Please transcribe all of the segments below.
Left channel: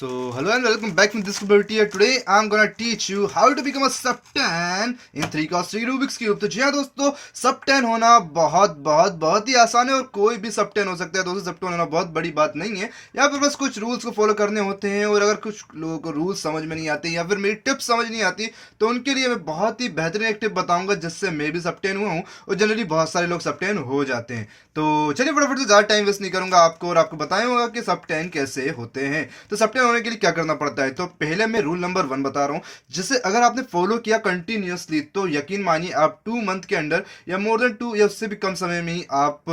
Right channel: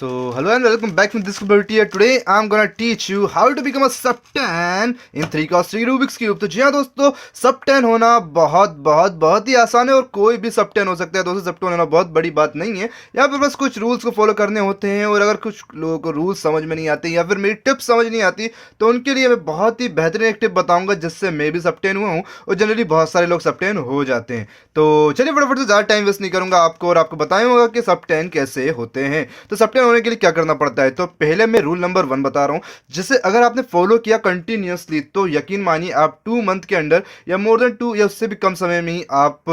Hello and welcome back to this tutorial. Today I'm gonna teach you how to become a sub 10 in 3 cross 3 Rubik's Cube. तो जी हाँ दोस्तों, सब 10 होना बहुत ही आसान है और कोई भी सब 10 हो सकता है दोस्तों। सब 10 होना बहुत बड़ी बात नहीं है। यहाँ पर बस कुछ रूल्स को फॉलो करने होते हैं और अगर कुछ लोगों को रूल्स समझ में नहीं आते या फिर मेरी टिप्स समझ नहीं आती तो उनके लिए मैं बहुत ही बेहतरीन एक टिप बताऊंगा जिससे मैं भी सब 10 हुआ हूँ और जनरली बहुत सारे लोग सब 10 हो जाते हैं। तो चलिए फटाफट से ज़्यादा टाइम वेस्ट नहीं करूंगा आपको और आपको बताऊंगा कि सब 10 कैसे होते हैं। तो सब 10 होने के लिए क्या करना पड़ता है, तो पहले मैं रूल नंबर 1 बता रहा हूँ जिसे अगर आपने फॉलो किया कंटिन्यूअसली तो यकीन मानिए आप 2 मंथ के अंदर या मोर देन 2 या उससे भी कम समय में ही आप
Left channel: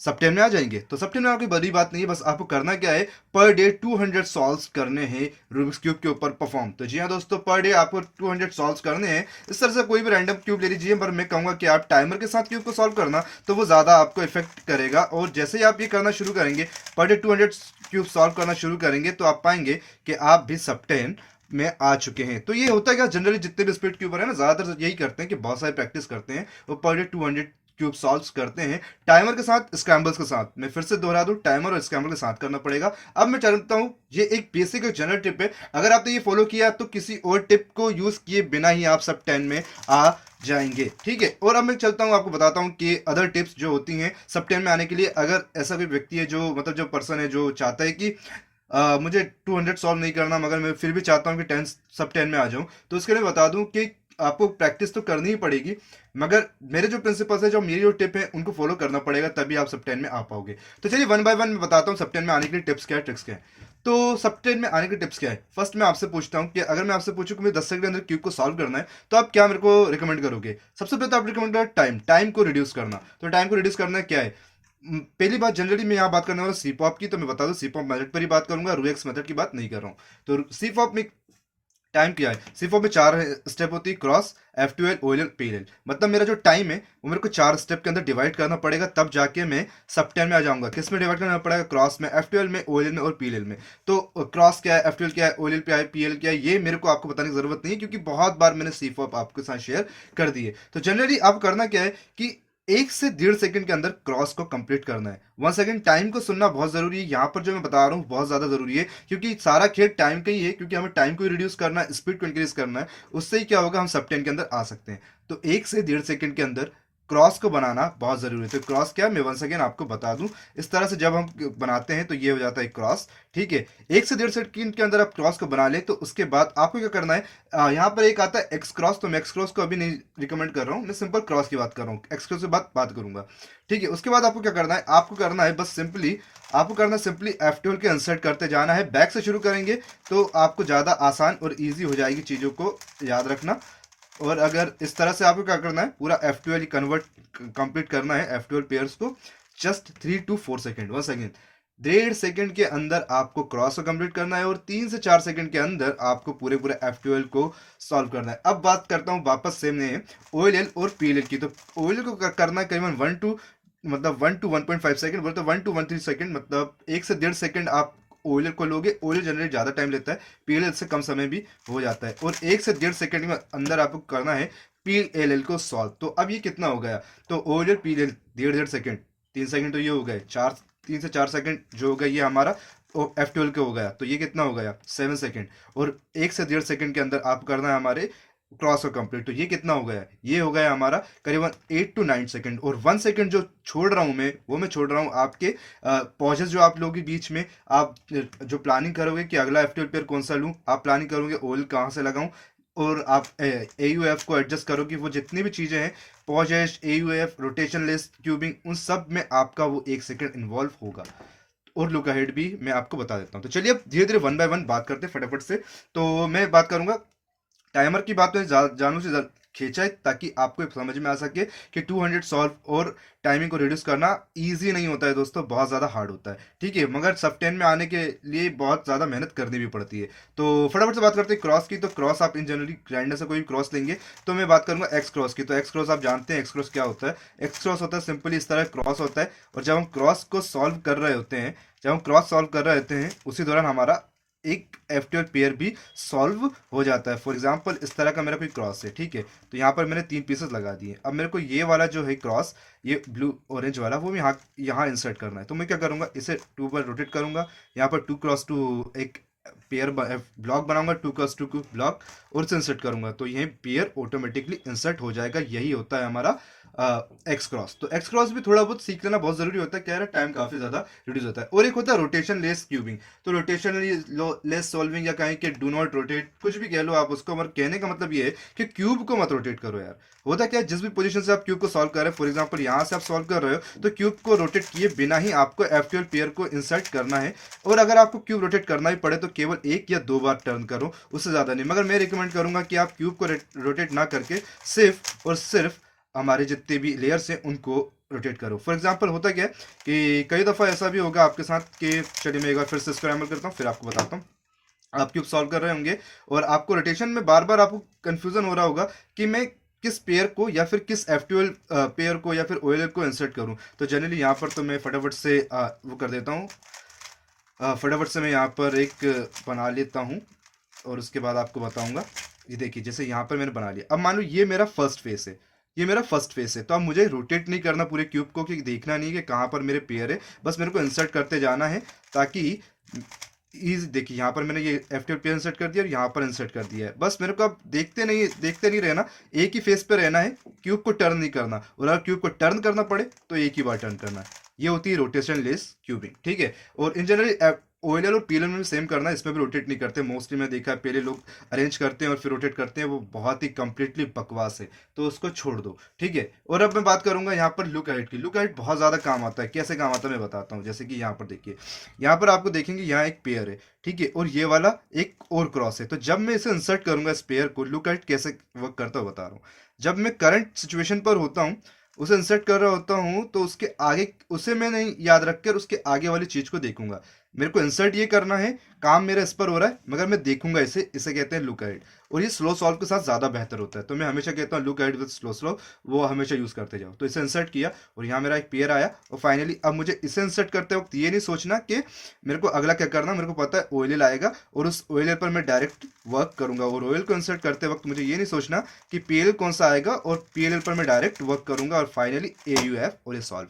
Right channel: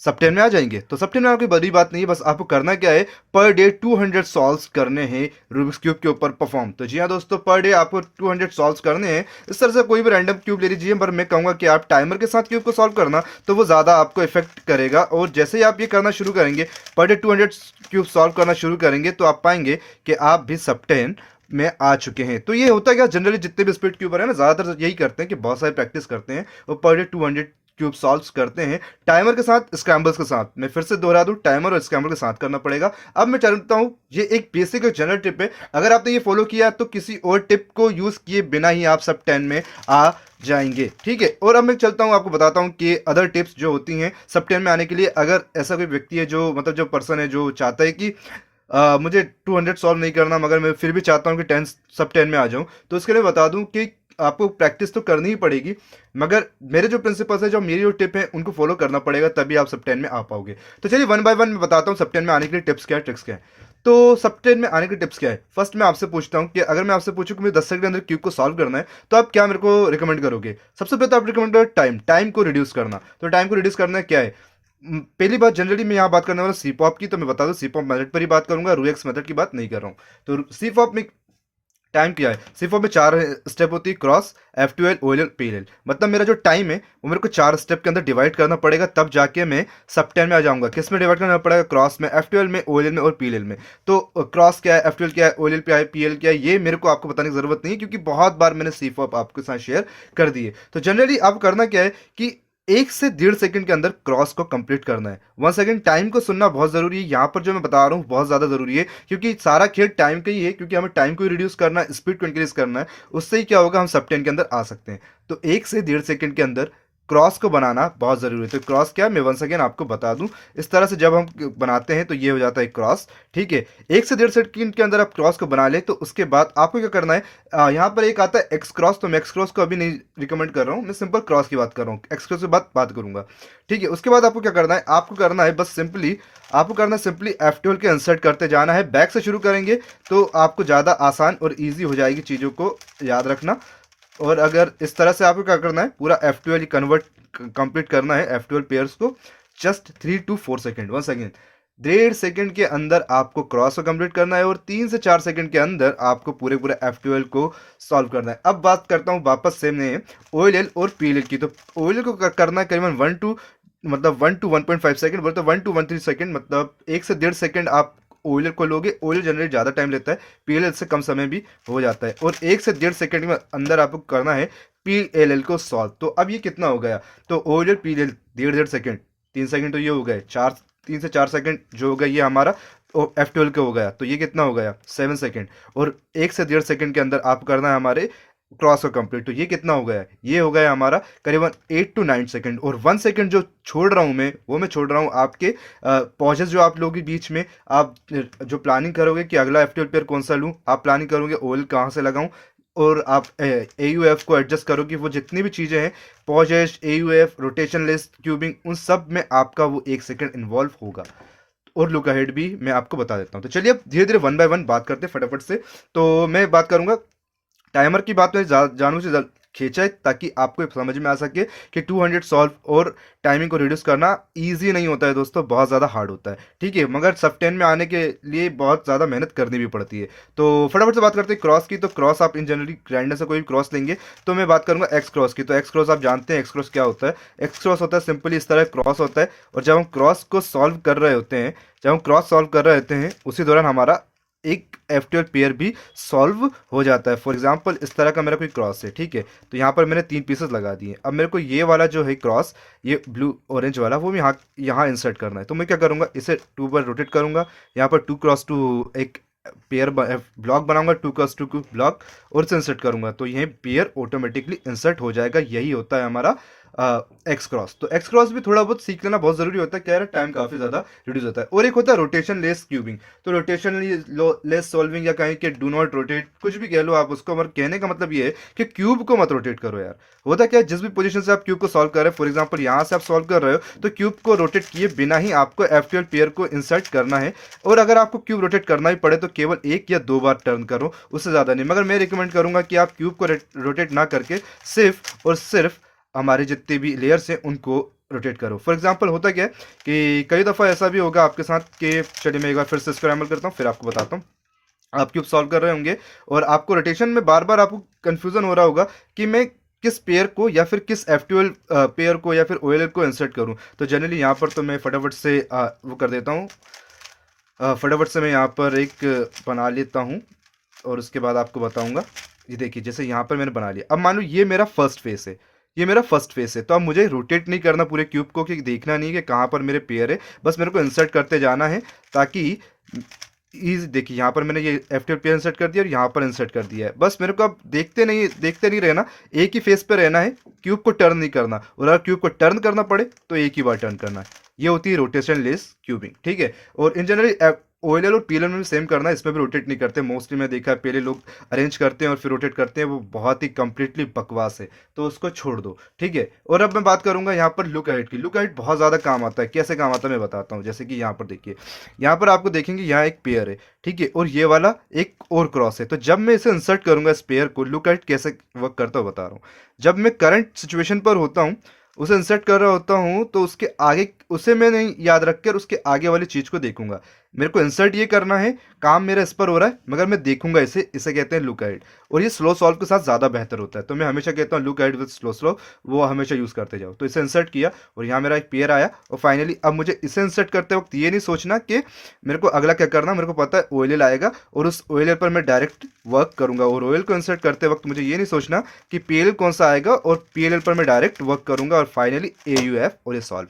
सब 10 में आ जाएंगे। तो सब 10 में आपकी बड़ी बात नहीं है, बस आपको करना क्या है, पर डे 200 सॉल्व्स करने हैं रूबिक्स क्यूब के ऊपर परफॉर्म। तो जी हाँ दोस्तों, पर डे आपको 200 सॉल्व्स करने हैं। इस तरह से कोई भी रैंडम क्यूब ले लीजिए, पर मैं कहूँगा कि आप टाइमर के साथ क्यूब को सॉल्व करना तो वो ज़्यादा आपको इफेक्ट करेगा। और जैसे ही आप ये करना शुरू करेंगे, पर डे 200 क्यूब सॉल्व करना शुरू करेंगे तो आप पाएंगे कि आप भी सब 10 में आ चुके हैं। तो ये होता है क्या, जनरली जितने भी स्पीड क्यूबर है ना, ज़्यादातर यही करते हैं कि बहुत सारी प्रैक्टिस करते हैं और पर डे 200 क्यूब सॉल्व करते हैं टाइमर के साथ, स्क्रैम्बल्स के साथ। मैं फिर से दोहरा दूं, टाइमर और स्क्रैम्बल के साथ करना पड़ेगा। अब मैं चाहता हूं, ये एक बेसिक और जनरल टिप है, अगर आपने ये फॉलो किया तो किसी और टिप को यूज किए बिना ही आप सब 10 में आ जाएंगे, ठीक है। और अब मैं चलता हूं, आपको बताता हूं कि अदर टिप्स जो होती हैं सब 10 में आने के लिए। अगर ऐसा कोई व्यक्ति है जो मतलब जो पर्सन है जो चाहता है कि मुझे 200 सॉल्व नहीं करना मगर मैं फिर भी चाहता हूँ कि 10 सब 10 में आ जाऊँ, तो इसके लिए बता दूं कि आपको प्रैक्टिस तो करनी ही पड़ेगी, मगर मेरे जो प्रिंसिपल्स हैं, जो मेरी जो टिप है, उनको फॉलो करना पड़ेगा, तभी आप सब 10 में आ पाओगे। तो चलिए वन बाय वन मैं बताता हूँ सब 10 में आने के लिए टिप्स क्या है, ट्रिक्स क्या है। तो सब 10 में आने के टिप्स क्या है, फर्स्ट मैं आपसे पूछता हूँ कि अगर मैं आपसे पूछूं कि मुझे 10 सेकंड के अंदर क्यूब को सॉल्व करना है तो आप क्या मेरे को रिकमेंड करोगे। सबसे पहले तो आप रिकमेंड करोगे टाइम को रिड्यूस करना। तो टाइम को रिड्यूस करना क्या है, पहली बात, जनरली मैं यहाँ बात करने वाला सी पॉप की, तो मैं बता दूं सी पॉप मेथड पर ही बात करूंगा, रूएक्स मेथड की बात नहीं कर रहा हूँ। तो सी पॉप में टाइम क्या है, सी पॉप में 4 स्टेप होती है, क्रॉस, F2L, OLL, PLL। मतलब मेरा जो टाइम है वो मेरे को 4 स्टेप के अंदर डिवाइड करना पड़ेगा, तब जाके मैं सब 10 में आ जाऊंगा। किस में डिवाइड करना पड़ेगा, क्रॉस में, F2L में, OLL में और PLL में। तो क्रॉस क्या है, F2L क्या है, OLL क्या है, PLL क्या है, ये मेरे को आपको बताने की जरूरत नहीं है क्योंकि बहुत बार मैंने सी पॉप आपके साथ शेयर कर दी है। तो जनरली आप करना क्या है कि 1 से 1.5 सेकंड के अंदर क्रॉस को कंप्लीट करना है। 1 सेकंड टाइम को सुनना बहुत जरूरी है, यहाँ पर जो मैं बता रहा हूँ बहुत ज्यादा जरूरी है क्योंकि सारा खेल टाइम का ही है, क्योंकि हमें टाइम को रिड्यूस करना है, स्पीड को इंक्रीज करना है। उससे ही क्या होगा, हम सब 10 के अंदर आ सकते हैं। तो 1 से 1.5 सेकंड के अंदर क्रॉस को बनाना बहुत जरूरी है। तो क्रॉस क्या है, मैं 1 सेकंड आपको बता दूं। इस तरह से जब हम बनाते हैं तो ये हो जाता है क्रॉस, ठीक है। 1 से 1.5 सेकंड के अंदर आप क्रॉस को बना ले तो उसके बाद आपको क्या करना है, यहाँ पर एक आता है एक्स क्रॉस, तो मैं एक्स क्रॉस को अभी नहीं रिकमेंड कर रहा हूँ, मैं सिंपल क्रॉस की बात कर रहा हूँ, एक्स क्रॉस की बात करूंगा, ठीक है। उसके बाद आपको क्या करना है, आपको करना है बस सिंपली, आपको करना सिंपली F12 के इंसर्ट करते जाना है। बैक से शुरू करेंगे तो आपको ज़्यादा आसान और ईजी हो जाएगी चीज़ों को याद रखना। और अगर इस तरह से आपको क्या करना है, पूरा F12 कन्वर्ट कंप्लीट करना है, F12 पेयर्स को just 3 to 4 second, 1 second, 1.5 second के अंदर आपको क्रॉस को कंप्लीट करना है और 3 से 4 सेकेंड के अंदर आपको पूरे पूरे F12 को सॉल्व करना है। अब बात करता हूँ वापस से मैं OLL और PLL की। तो OLL को करना है करीबन 1 to 1.5 सेकंड, बोलते 1 to 1.3 सेकंड, मतलब 1 से 1.5 सेकंड आप OLL को लोगे। OLL जनरली ज़्यादा टाइम लेता है, PLL से कम समय भी हो जाता है। और 1 से 1.5 सेकंड में अंदर आपको करना है PLL को सॉल्व। तो अब ये कितना हो गया, तो OLL PLL 1.5 1.5 सेकंड, 3 सेकंड तो ये हो गए, 3 से 4 सेकंड जो हो गया ये हमारा F12 का हो गया, तो ये कितना हो गया, 7 सेकंड। और 1 से 1.5 सेकंड के अंदर आप करना है हमारे क्रॉस को कंप्लीट, तो ये कितना हो गया, ये हो गया हमारा करीबन 8 to 9 सेकंड। और 1 सेकंड जो छोड़ रहा हूँ मैं, वो मैं छोड़ रहा हूँ आपके पॉजेस जो आप लोगों के बीच में। आप जो प्लानिंग करोगे कि अगला F12 पेयर कौन सा लूँ, आप प्लानिंग करोगे OL कहाँ से लगाऊं, और आप AUF को एडजस्ट करो कि वो जितनी भी चीज़ें हैं, pauses, AUF, rotation list, cubing, उन सब में आपका वो 1 सेकंड इन्वॉल्व होगा। और लुक अहेड भी मैं आपको बता देता हूँ। तो चलिए अब धीरे धीरे वन बाय वन बात करते हैं फटाफट से। तो मैं बात करूंगा टाइमर की, बात में जानू से खींचा है ताकि आपको समझ में आ सके कि 200 सॉल्व और टाइमिंग को रिड्यूस करना इजी नहीं होता है दोस्तों, बहुत ज़्यादा हार्ड होता है, ठीक है। मगर सब 10 में आने के लिए बहुत ज़्यादा मेहनत करनी भी पड़ती है। तो फटाफट से बात करते हैं क्रॉस की। तो क्रॉस आप इन जनरली ग्राइंडर से कोई भी क्रॉस लेंगे, तो मैं बात करूंगा एक्स क्रॉस की। तो एक्स क्रॉस आप जानते हैं, एक्स क्रॉस क्या होता है, एक्स क्रॉस होता है सिंपली इस तरह क्रॉस होता है। और जब हम क्रॉस को सॉल्व कर रहे होते हैं, जब हम क्रॉस सॉल्व कर रहे होते हैं उसी दौरान हमारा एक F12 पेयर भी सॉल्व हो जाता है। फॉर एग्जांपल इस तरह का मेरा कोई क्रॉस है, ठीक है। तो यहाँ पर मैंने 3 पीसेस लगा दिए। अब मेरे को ये वाला जो है क्रॉस, ये ब्लू ऑरेंज वाला, वो यहाँ यहाँ इंसर्ट करना है। तो मैं क्या करूँगा, इसे 2 बार रोटेट करूँगा, यहाँ पर 2 क्रॉस 2 एक पेयर ब्लॉक बनाऊंगा 2x2 ब्लॉक और इसे इंसर्ट करूंगा तो यह पेयर ऑटोमेटिकली इंसर्ट हो जाएगा। यही होता है हमारा एक्स क्रॉस। तो एक्स क्रॉस भी थोड़ा बहुत सीख लेना बहुत जरूरी होता है, क्या है टाइम काफी ज्यादा रिड्यूस होता है। और एक होता है रोटेशन लेस क्यूबिंग। तो रोटेशन लेस सॉल्विंग या कहें कि डू नॉट रोटेट, कुछ भी कह लो आप उसको, मगर कहने का मतलब ये है कि क्यूब को मत रोटेट करो यार। होता क्या है, जिस भी पोजीशन से आप क्यूब को सॉल्व कर रहे हैं, फॉर एग्जांपल यहाँ से आप सॉल्व कर रहे हो तो क्यूब को रोटेट किए बिना ही आपको F12 पेयर को इंसर्ट करना है। और अगर आपको क्यूब रोटेट करना ही पड़े तो केवल 1 या 2 बार टर्न करो, उससे ज़्यादा नहीं। मगर मैं रिकमेंड करूंगा कि आप क्यूब को रोटेट ना करके सिर्फ और सिर्फ हमारे जितने भी लेयर्स हैं उनको रोटेट करो। फॉर एग्जांपल होता क्या है कि कई दफ़ा ऐसा भी होगा आपके साथ कि, चलिए मैं एक बार फिर से इसको अमल करता हूँ फिर आपको बताता हूँ। आप क्यूब सॉल्व कर रहे होंगे और आपको रोटेशन में बार बार आपको कंफ्यूजन हो रहा होगा कि मैं किस पेयर को या फिर किस F12 पेयर को या फिर OLL को इंसर्ट करूं। तो जनरली यहाँ पर तो मैं फटाफट से वो कर देता हूँ, फटाफट से मैं यहाँ पर एक बना लेता हूँ और उसके बाद आपको बताऊंगा। ये देखिए जैसे यहाँ पर मैंने बना लिया। अब मान लो ये मेरा फर्स्ट फेस है, ये मेरा फर्स्ट फेस है, तो अब मुझे रोटेट नहीं करना पूरे क्यूब को, कि देखना नहीं कि कहाँ पर मेरे पेयर है, बस मेरे को इंसर्ट करते जाना है ताकि इज देखिए यहाँ पर मैंने ये F12 पेयर इंसर्ट कर दिया और यहाँ पर इंसर्ट कर दिया है। बस मेरे को अब देखते नहीं रहना, एक ही फेस पे रहना है, क्यूब को टर्न नहीं करना। और अगर क्यूब को टर्न करना पड़े तो एक ही बार टर्न करना है। ये होती है रोटेशन लेस क्यूबिंग, ठीक है। और इन जनरली OLL और PLL में भी सेम करना है, इसमें भी रोटेट नहीं करते मोस्टली। मैं देखा है पहले लोग अरेंज करते हैं और फिर रोटेट करते हैं, वो बहुत ही कंप्लीटली बकवास है, तो उसको छोड़ दो, ठीक है। और अब मैं बात करूंगा यहाँ पर लुक अहेड की। लुक अहेड बहुत ज़्यादा काम आता है। कैसे काम आता है मैं बताता हूँ। जैसे कि यहाँ पर देखिए, यहाँ पर आपको देखेंगे यहाँ एक पेयर है, ठीक है, और ये वाला एक और क्रॉस है। तो जब मैं इसे इंसर्ट करूंगा इस पेयर को, लुक अहेड कैसे वर्क करता हूँ बता रहा हूँ। जब मैं करंट सिचुएशन पर होता हूँ, उसे इंसर्ट कर रहा होता हूँ, तो उसके आगे उसे मैं नहीं याद रखकर उसके आगे वाली चीज़ को देखूंगा। मेरे को इंसर्ट ये करना है, काम मेरा इस पर हो रहा है, मगर मैं देखूंगा इसे कहते हैं लुक अहेड। और ये स्लो सॉल्व के साथ ज़्यादा बेहतर होता है, तो मैं हमेशा कहता हूँ लुक अहेड विद स्लो वो हमेशा यूज़ करते जाओ। तो इसे इंसर्ट किया और यहाँ मेरा एक पेयर आया, और फाइनली अब मुझे इसे इंसर्ट करते वक्त ये नहीं सोचना कि मेरे को अगला क्या करना। मेरे को पता है OLL आएगा और उस OLL पर मैं डायरेक्ट वर्क करूंगा। और OLL को इंसर्ट करते वक्त मुझे ये नहीं सोचना कि PLL कौन सा आएगा, और PLL पर मैं डायरेक्ट वर्क करूंगा और फाइनली AUF और ये सॉल्व।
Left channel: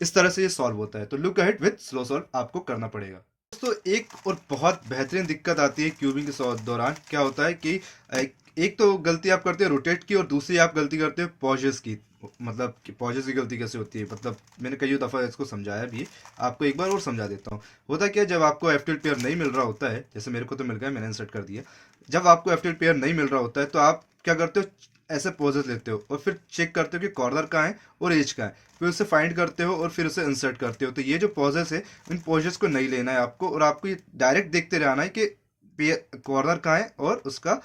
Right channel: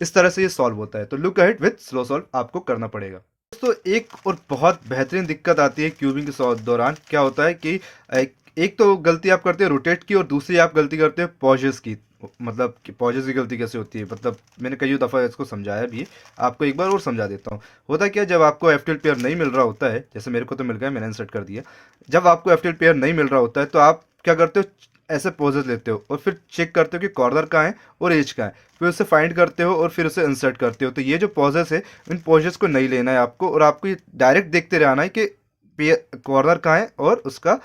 इस तरह से ये सॉल्व होता है। तो look ahead with slow solve आपको करना पड़ेगा। दोस्तों एक और बहुत बेहतरीन दिक्कत आती है क्यूबिंग के दौरान। क्या होता है कि एक तो गलती आप करते हैं रोटेट की, और दूसरी आप गलती करते हैं पॉजेस की। मतलब कि पॉजेस की गलती कैसे होती है, मतलब मैंने कई दफ़ा इसको समझाया भी, आपको एक बार और समझा देता हूँ। होता क्या, जब आपको F12 पेयर नहीं मिल रहा होता है, जैसे मेरे को तो मिल गया, मैंने इंसर्ट कर दिया। जब आपको F12 पेयर नहीं मिल रहा होता है तो आप क्या करते हो, ऐसे पॉजेस लेते हो और फिर चेक करते हो कि कॉर्नर कहाँ है और एज कहाँ है, फिर उसे फाइंड करते हो और फिर उसे इंसर्ट करते हो। तो ये जो पॉजेस है, इन पॉजेस को नहीं लेना है आपको, और आपको ये डायरेक्ट देखते रहना है कि कॉर्नर कहाँ है और उसका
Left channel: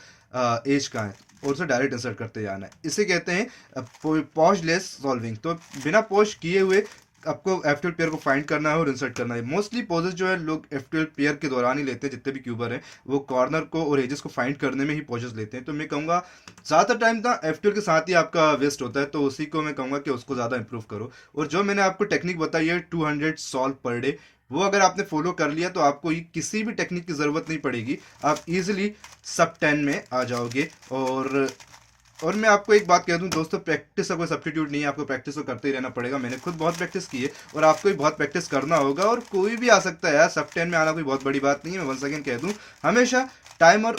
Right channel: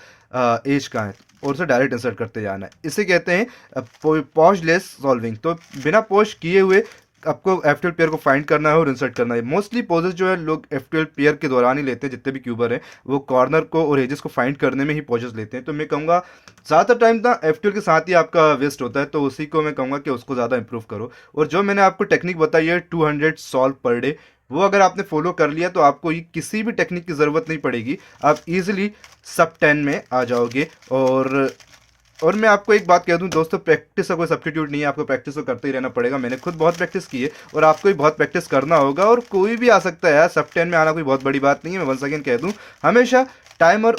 एज कहाँ है, और उसे डायरेक्ट इंसर्ट करते जाना है। इसे कहते हैं पॉज लेस सॉल्विंग। तो बिना पॉज किए हुए आपको F12 पेयर को फाइंड करना है और इंसर्ट करना है। मोस्टली पॉजेस जो है लोग F12 पेयर के दौरान ही लेते हैं, जितने भी क्यूबर हैं वो कॉर्नर को और एजेस को फाइंड करने में ही पॉजेस लेते हैं। तो मैं कहूँगा ज़्यादातर टाइम ना F12 के साथ ही आपका वेस्ट होता है, तो उसी को मैं कहूँगा कि उसको ज़्यादा इंप्रूव करो। और जो मैंने आपको टेक्निक बताई है 200 सॉल्व पर डे, वो अगर आपने फॉलो कर लिया तो आपको ये किसी भी टेक्निक की ज़रूरत नहीं पड़ेगी, आप इजीली सब 10 में आ जाओगे। और मैं आपको एक बात कह दूं दोस्तों, प्रैक्टिस का कोई सब्स्टिट्यूट नहीं है, आपको प्रैक्टिस तो करते ही रहना पड़ेगा। मैंने खुद बहुत प्रैक्टिस की है और आपको भी बहुत प्रैक्टिस करना होगा, और कोई भी आ सकता है यार, सब 10 में आना कोई बहुत बड़ी बात नहीं है। मैं वन सेकेंड कह दूं, हमेशा टाइमर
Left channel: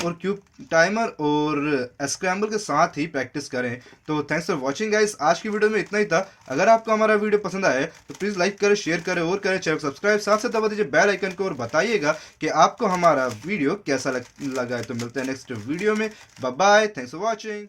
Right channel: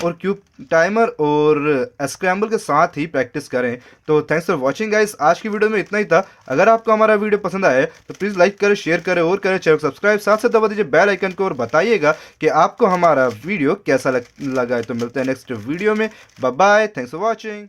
और स्क्रैम्बल के साथ ही प्रैक्टिस करें। तो थैंक्स फॉर वॉचिंग गाइस, आज की वीडियो में इतना ही था। अगर आपको हमारा वीडियो पसंद आया तो प्लीज़ लाइक करें, शेयर करें और करें चैनल को सब्सक्राइब, साथ साथ दबा दीजिए बेल आइकन को और बताइएगा कि आपको हमारा वीडियो कैसा लगा है। तो मिलते हैं नेक्स्ट वीडियो में। Bye bye, thanks for watching.